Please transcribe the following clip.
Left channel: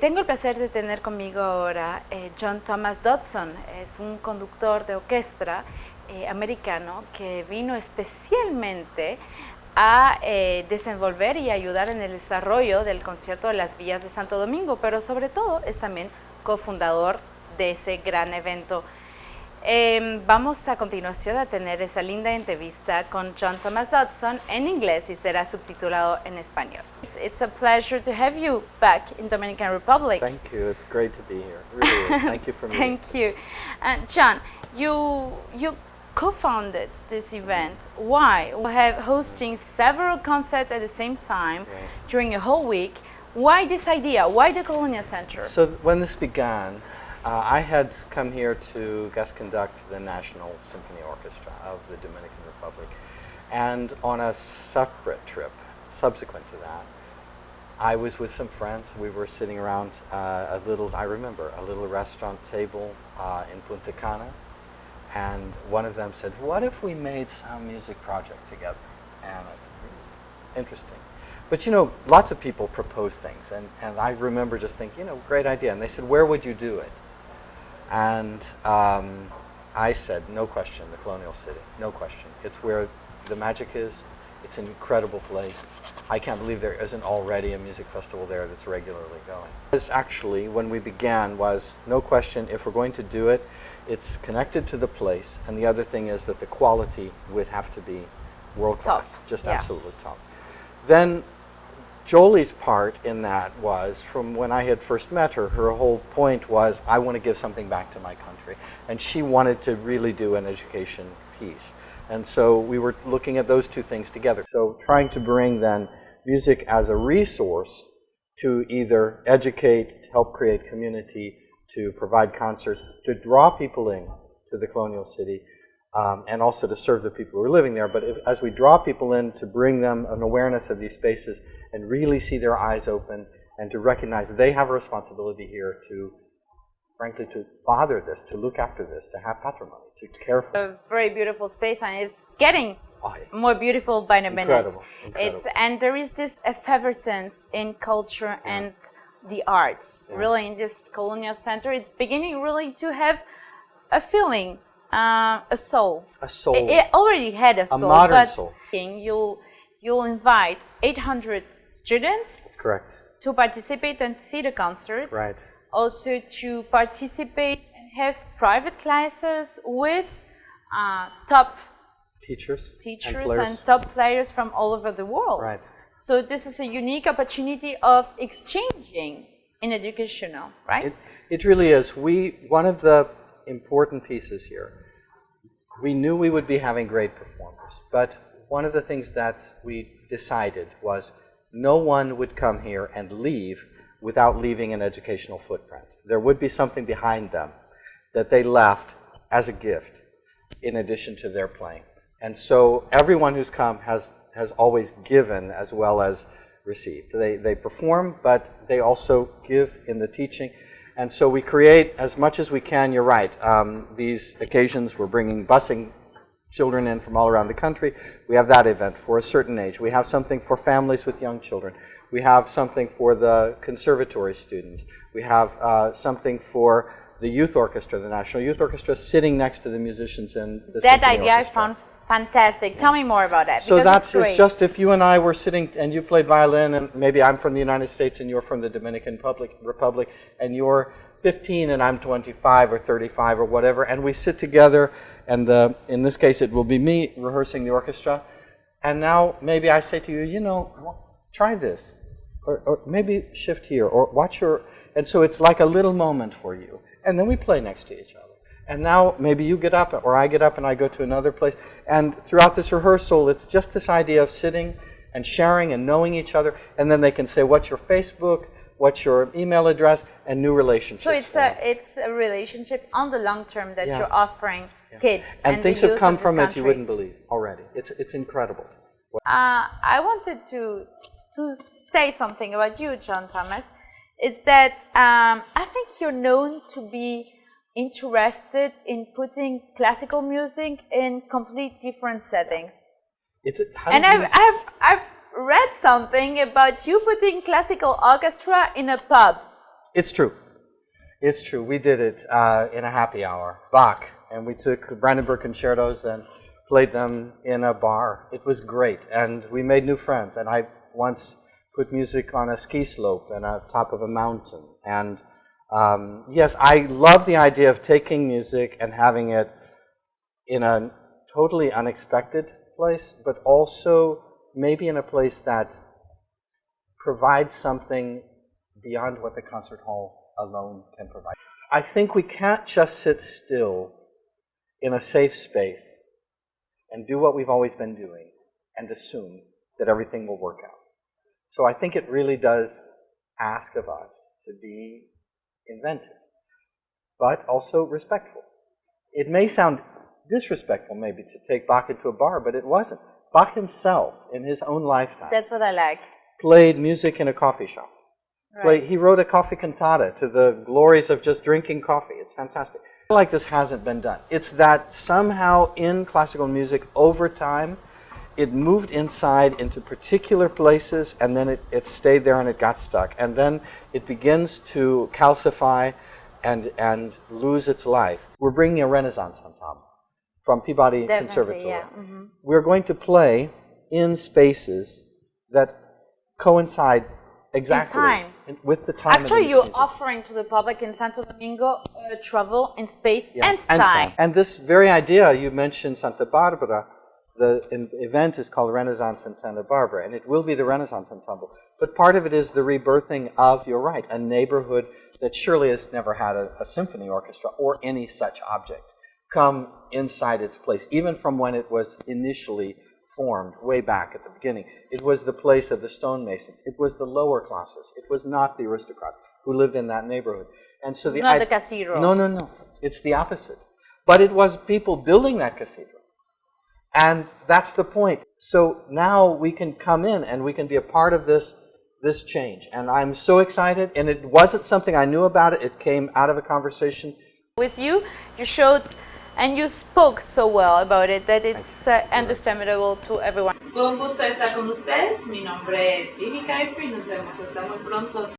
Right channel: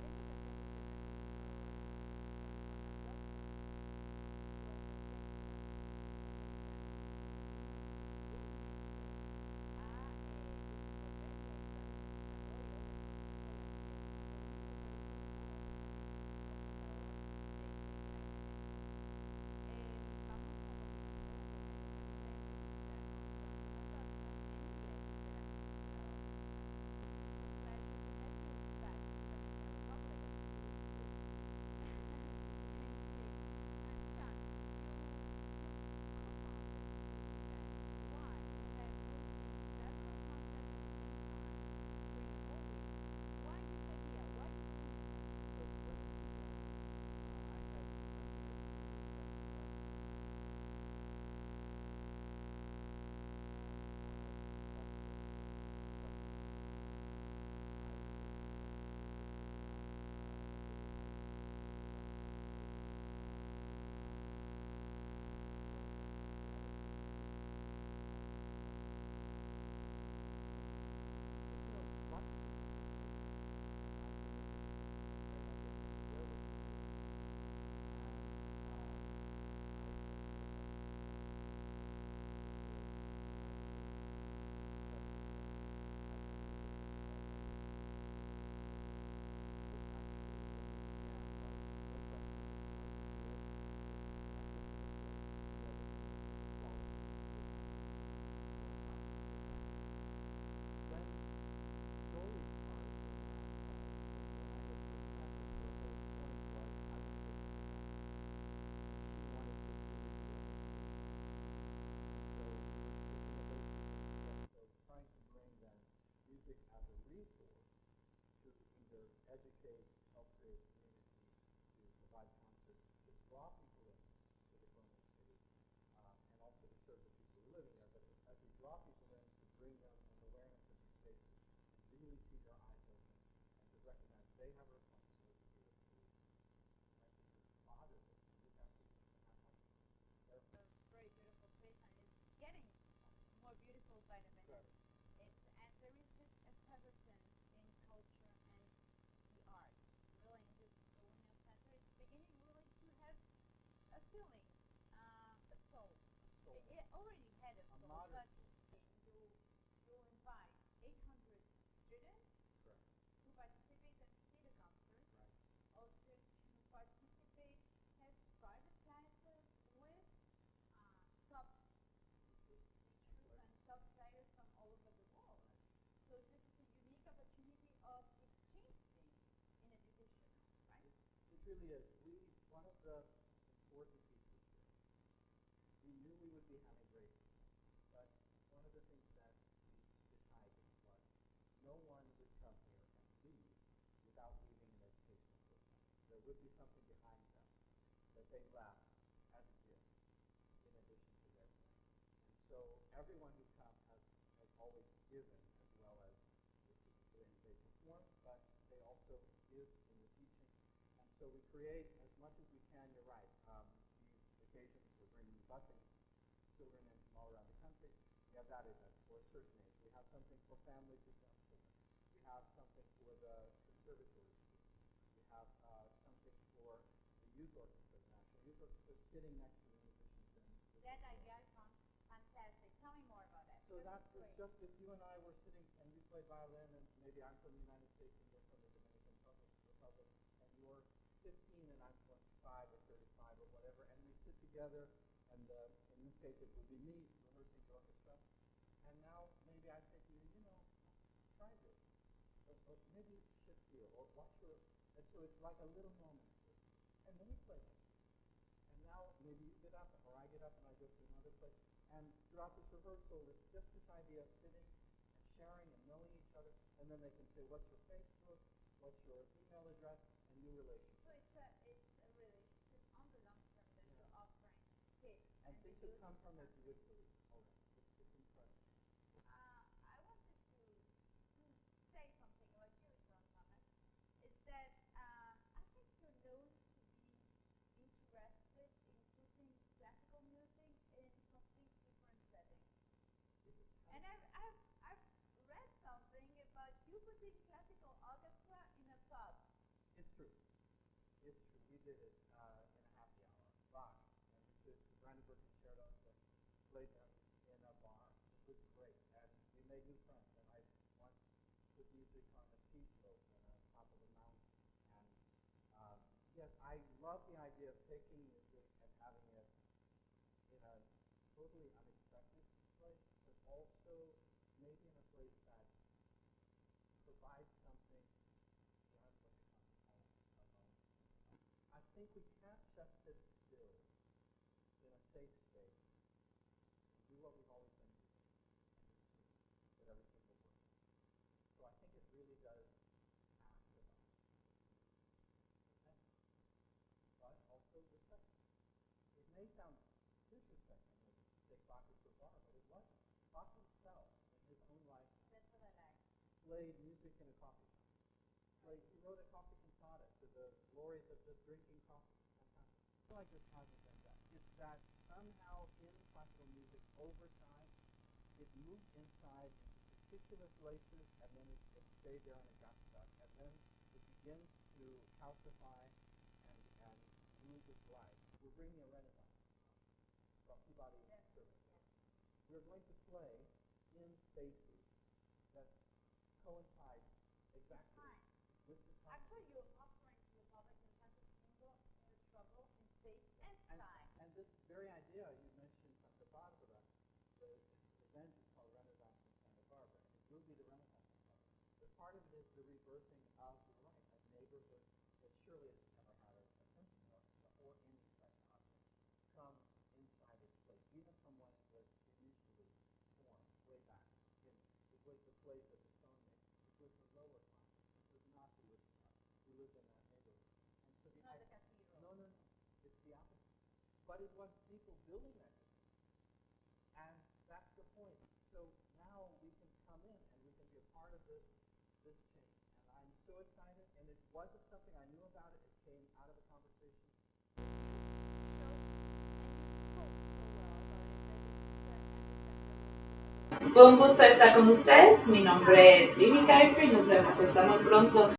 Tengo el placer de tener conmigo ahora John Thomas Dodson. Es un conductor de orquesta americano que vino especialmente a desenvolver y ayudar en el desarrollo del concierto de las Villas de Santo Domingo, pero sobre todo es también cofundador de ese gran evento. Vamos a continuación a tener esa linda entrevista con John Thomas Dodson en inglés y será subtitulado en español. It's a pleasure to have you back in Dominican Republic. Thank you. It's great to be here. It really is. Thank you for me. Thank you. John, you co-founded this event. Why? We have hosting several concerts at the same time during a whole week. Why this idea? Why the Colonial Center? So when this began, I had come here to guest conduct the National Symphony Orchestra of the Dominican Republic. And on a separate trip, subsequent to that, I was with some friends. We were sitting around a little restaurant table in Punta Cana. And one of them said, what if we made some music project together? And it's interesting. But you know, lots of people propose things. And I remember just thinking, you know, great idea. And they said, where would you do it? And I said, no question, the Colonial City, no question. It's where the magic is. It's an incredible place. I can't believe there isn't already a music festival there that's regularly going. This actually, when we began, was no question, if we're going to do it, it's connected to the place. And the other thing is that the quality would have to be world class, just absolutely top. Then Jolie's part in that was, from when I had first met her, her whole point was, I want to give something back to my country. And she wanted to really do an education piece. And so we were looking at those two things together. So trying to bring then music as a resource to either educate, help create community, to provide concerts, to draw people in to the Colonial City, and also to serve the people who are living there. But as we draw people in, to bring them an awareness of these spaces and really see their eyes open and to recognize they have a responsibility here to, frankly, to father this, to look after this, to have patrimony, to care for it. A very beautiful space, and it's getting more beautiful by the minute. Incredible. And there is this effervescence in culture and the arts. Really, in this Colonial Center, it's beginning really to have a feeling, a soul. A soul. It already had a soul. A modern but soul. You'll invite 800 students. That's correct. To participate and see the concerts. Right. Also to participate and have private classes with top teachers and top players from all over the world. Right. So this is a unique opportunity of exchanging in educational, right? It really is. One of the important pieces here, we knew we would be having great performers, but one of the things that we decided was no one would come here and leave without leaving an educational footprint. There would be something behind them that they left as a gift in addition to their playing. And so everyone who's come has always given as well as received. They perform, but they also give in the teaching. And so we create as much as we can, you're right. These occasions, we're busing children in from all around the country. We have that event for a certain age. We have something for families with young children. We have something for the conservatory students. We have something for the youth orchestra, the National Youth Orchestra, sitting next to the musicians in the That Symphony idea I Orchestra. found fantastic. Tell me more about that. So it's just if you and I were sitting and you played violin, and maybe I'm from the United States and you're from the Dominican Republic, and you're 15 and I'm 25 or 35 or whatever, and we sit together, and in this case it will be me rehearsing the orchestra, and now maybe I say to you, you know, try this, or maybe shift here, or watch your, and so it's like a little moment for you, and then we play next to each other. And now maybe you get up, or I get up and I go to another place. And throughout this rehearsal, it's just this idea of sitting and sharing and knowing each other. And then they can say, what's your Facebook, what's your email address, and new relationships. So it's a relationship on the long term that you're offering kids. And things the have come youth of from this it you country. wouldn't believe already. It's incredible. I wanted to say something about you, John Thomas. It's that I think you're known to be interested in putting classical music in complete different settings. I've read something about you putting classical orchestra in a pub. It's true. It's true. We did it in a happy hour, Bach, and we took the Brandenburg Concertos and played them in a bar. It was great, and we made new friends. And I once put music on a ski slope and on top of a mountain. And yes, I love the idea of taking music and having it in a totally unexpected place, but also maybe in a place that provides something beyond what the concert hall alone can provide. I think we can't just sit still in a safe space and do what we've always been doing and assume that everything will work out. So I think it really does ask of us to be inventive, but also respectful. It may sound disrespectful maybe to take Bach into a bar, but it wasn't. Bach himself, in his own lifetime, That's what I like. played music in a coffee shop. Right. He wrote a coffee cantata to the glories of just drinking coffee. It's fantastic. I feel like this hasn't been done. It's that somehow in classical music, over time, it moved inside into particular places, and then it stayed there and it got stuck. And then it begins to calcify and lose its life. We're bringing a Renaissance ensemble from Peabody Definitely, Conservatory. yeah. We're going to play in spaces that coincide exactly time. with the time. Actually, of you're music. offering to the public in Santo Domingo travel in space Yeah, and time. And this very idea, you mentioned Santa Barbara, the event is called Renaissance in Santa Barbara, and it will be the Renaissance Ensemble. But part of it is the rebirthing of, you're right, a neighborhood that surely has never had a symphony orchestra or any such object come inside its place, even from when it was initially formed way back at the beginning. It was the place of the stonemasons. It was the lower classes. It was not the aristocrats who lived in that neighborhood. And so It's not the cathedral. No. It's the opposite. But it was people building that cathedral. And that's the point. So now we can come in and we can be a part of this change. And I'm so excited. And it wasn't something I knew about it. It came out of a conversation. With you, you showed and you spoke so well about it that it's understandable to everyone. Fue un gusto estar con ustedes. Mi nombre es Vivi Kieffer y nos vemos hasta muy pronto.